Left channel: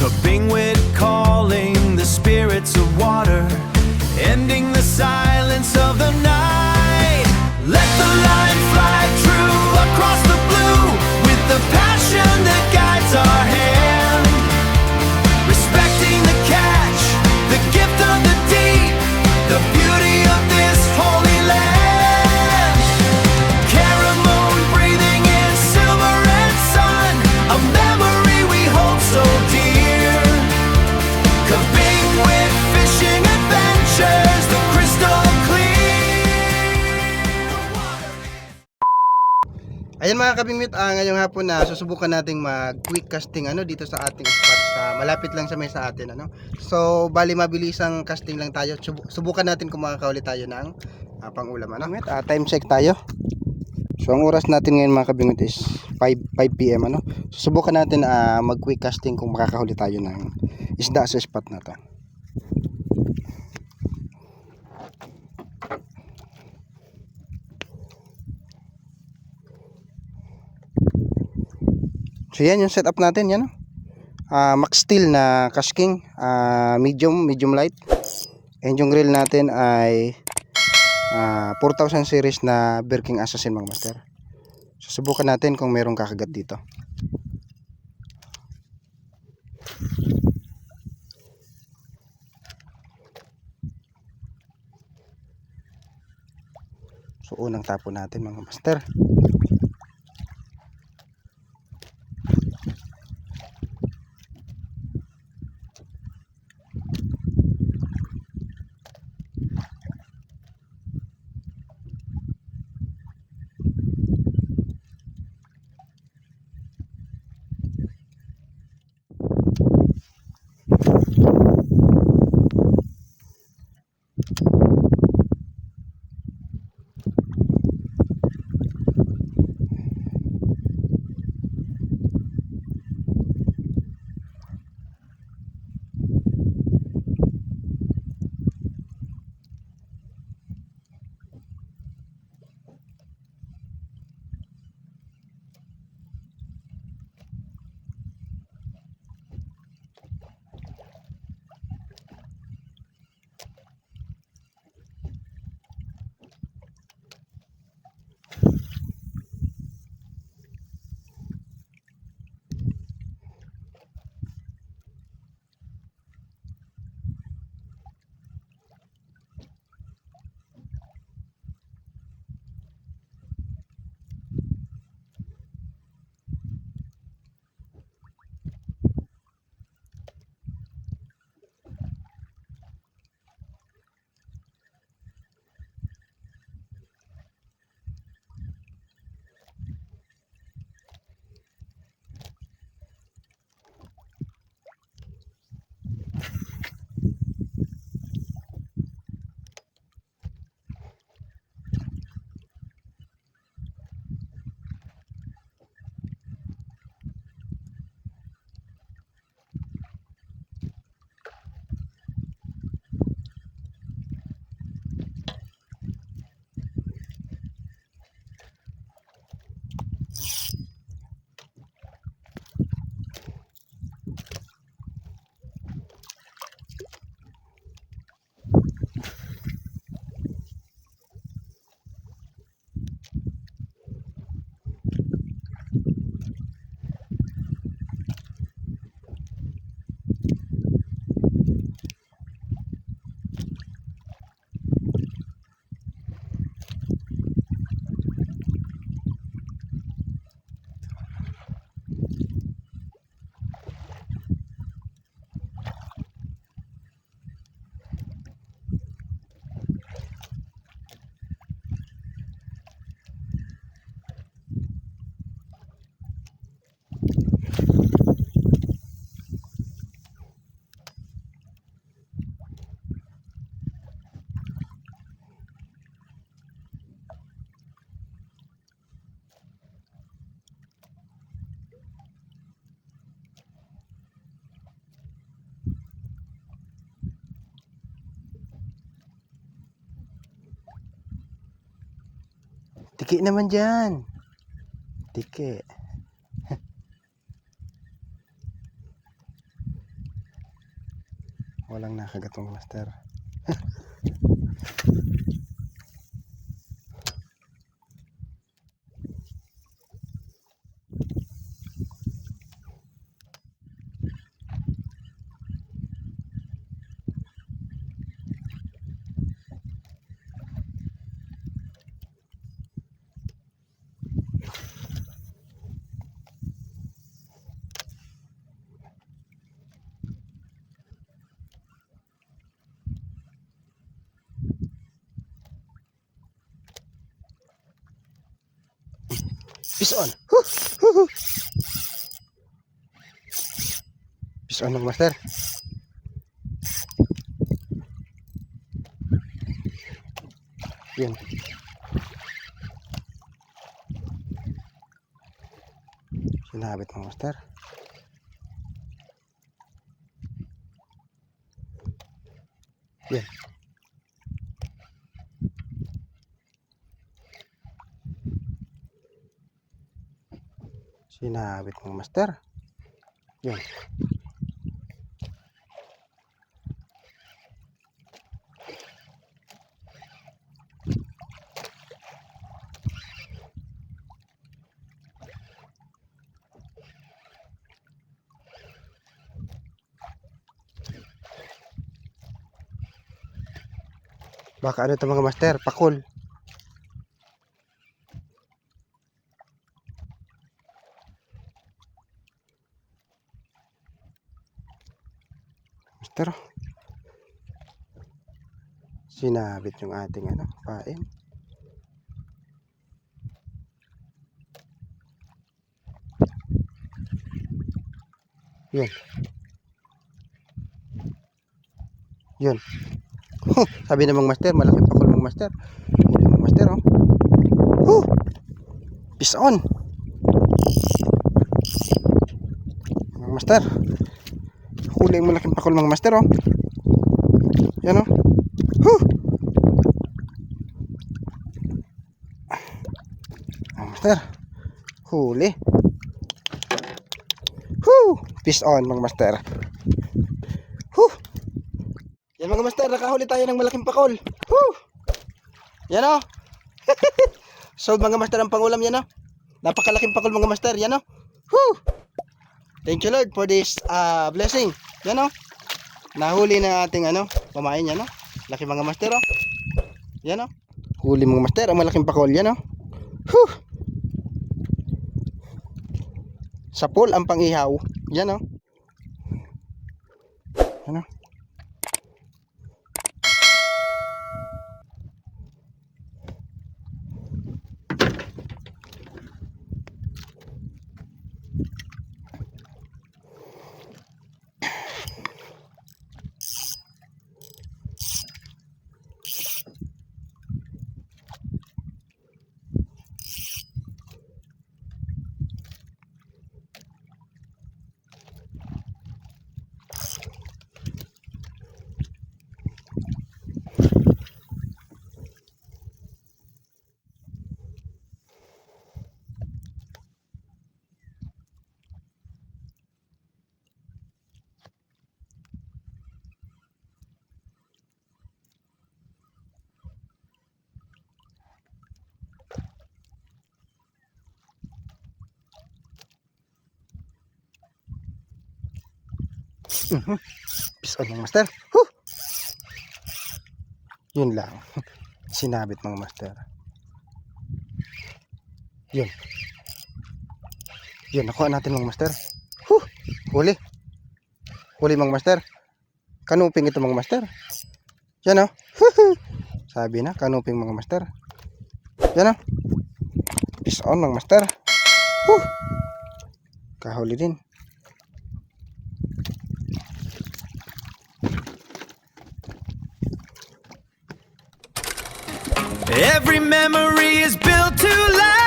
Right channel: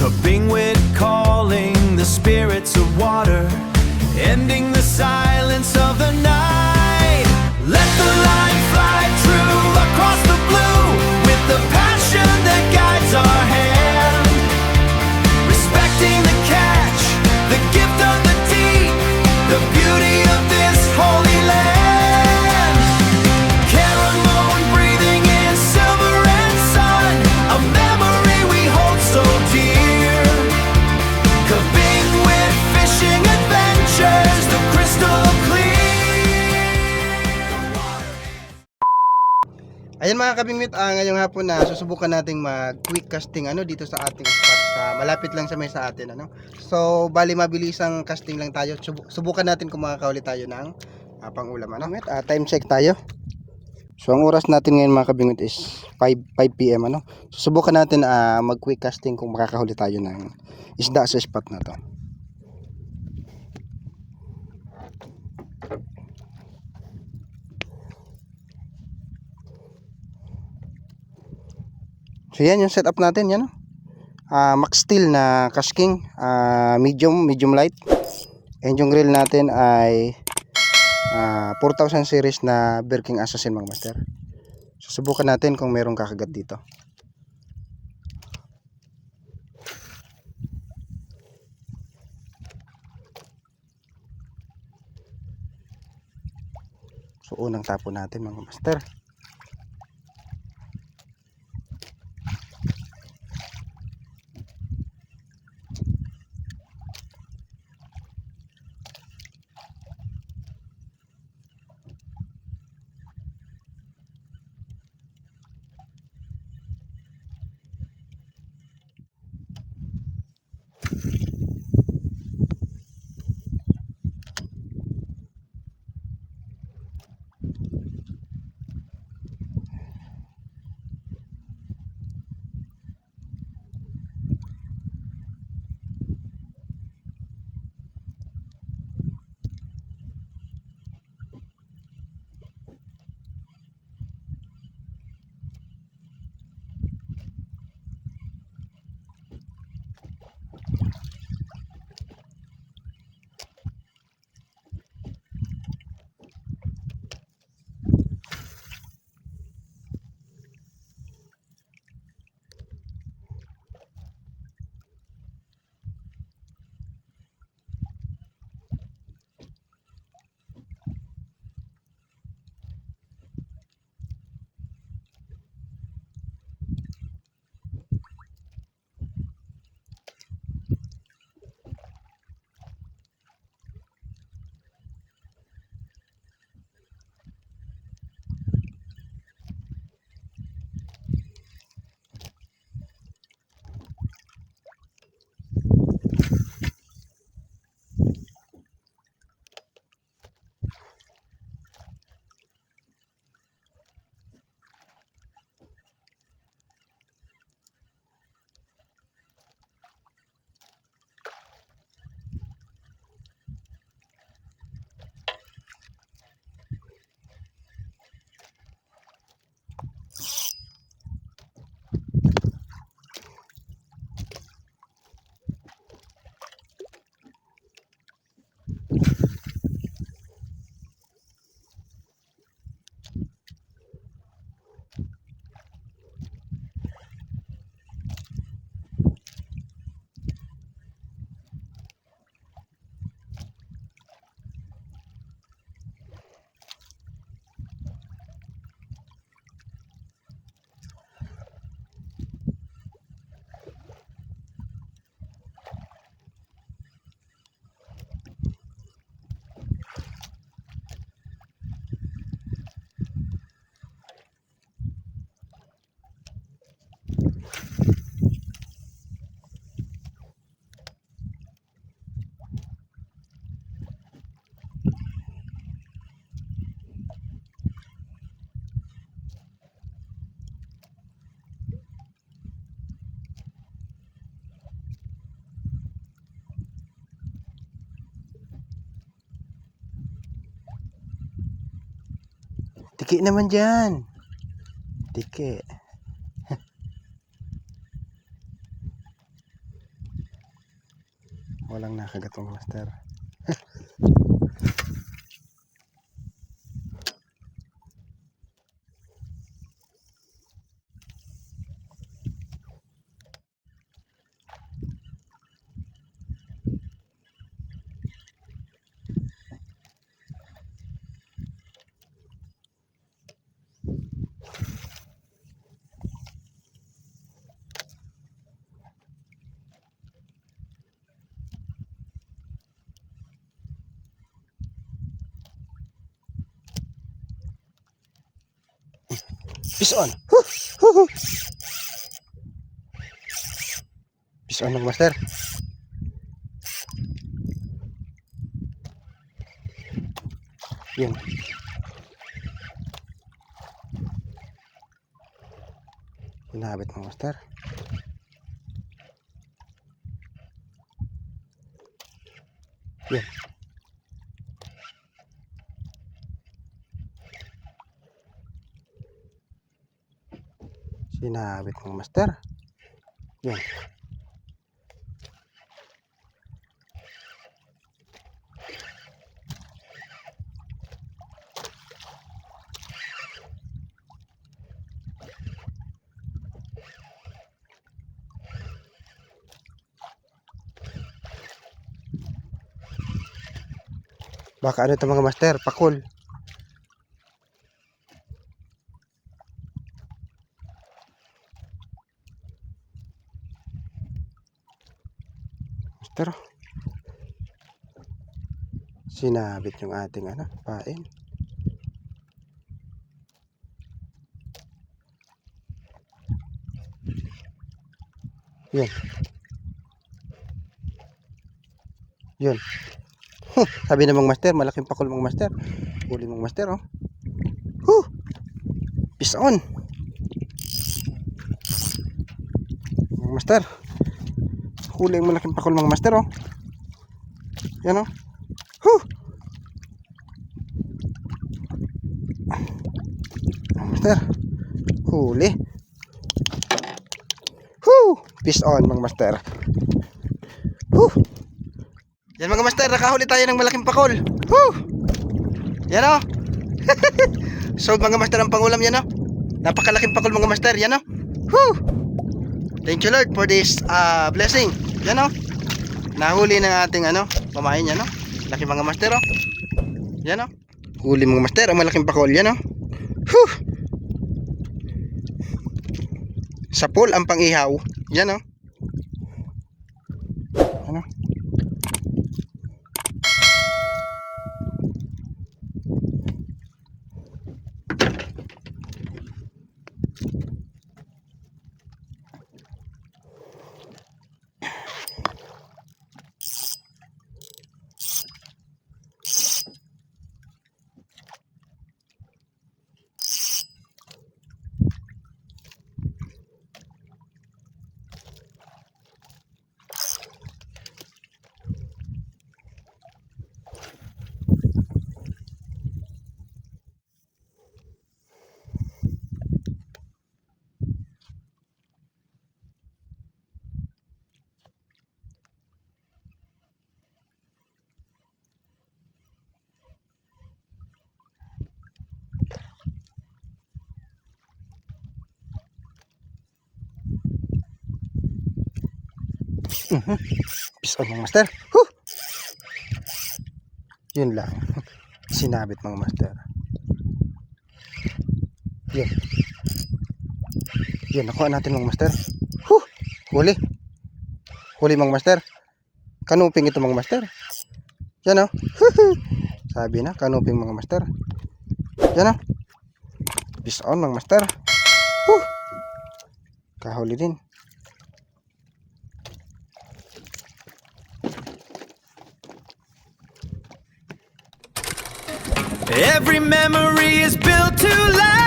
Kabingwit calling the spirits of water, ending the silence of the night. Let the line fly true across the blue, with the passion that guides our hand. Respecting the catch, the gift of the deep, the beauty of this holy land. Caramone breathing in silver and sun, a memory we hold so dear. Kabingwit fishing adventures, the crystal clear. Ayan mga kabingwit, ngayong hapon na susubukan nating mag quick casting dito sa ating spot sa malapit lang sa may sa atin So bali mabilisang casting lang tayo. Subukan natin kung makakahuli tayo ng pang-ulam time check tayo. So ang oras natin ngayon mga kabingwit is 5 PM Susubukan natin mag quick casting kung makakahuli tayo ng isda sa spot na to. So yan yung setup natin Max Steel na Cash King, medium light, and yung reel natin ay 4000 series na Bear King Assassin mga master. Susubukan natin kung merong kakagat dito. So unang tapo natin mga master. Tiki naman dyan. Tiki. Walang nakagat mga master. Fish on. Fish on mga master. Yun. Sinabit mga master. Yun. Sinabit mga master. Yun. Baka ano ito mga master, pakul. Master, sinabit yung ating ano, pain. Yun. Yun. Sabi namang master, malaking pakul mga master. Huli mga master, oh. Fish on. Mga master. Huli yung malaking pakul mga master, oh. Yan, oh. Mga master. Huli. Fish on mga master. Yan mga master, nakahuli tayo ng malaking pakol. Yan o. So mga master ang pangulam yan o. Napakalaking pakol mga master, yan o. Thank you Lord for this blessing. Yan o. Nahuli ng ating ano, pamain yan o. Laki mga master o. Yan o. Huli mga master ang malaking pakol, yan o. Sa pool ang pangihaw. Yan o. Ano? Fish on mga master. Yun lang. Sinabit mga master. Yun. Yun, nakuha natin mga master. Huli. Huli mga master. Kanuping ito mga master. Yan o. Sabi na, kanuping mga master. Yan o. Fish on mga master. Kahuli din. Every memory is built to last.